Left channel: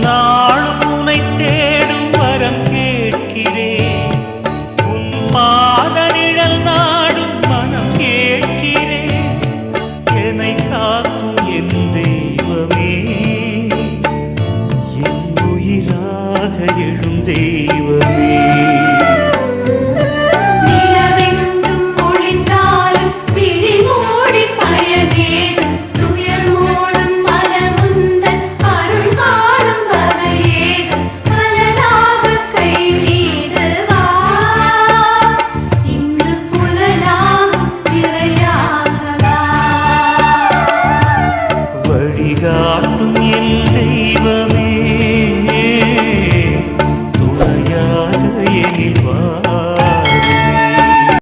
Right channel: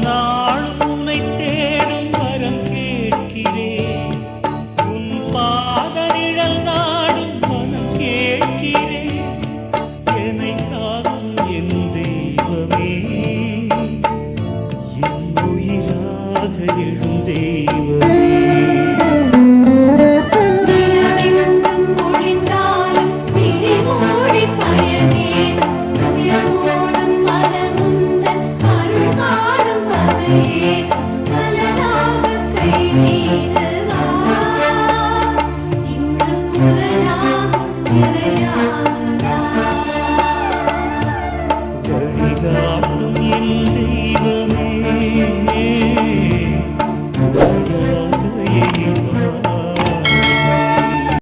எந்நாளும் உனை தேடும் வரம் கேட்கிறேன் உன் பாத நிழல் நாடும் மனம் கேட்கிறேன் என்னை காக்கும் என் தெய்வமே என் உயிராக எழும் வழிகாட்டும் என் தெய்வமே.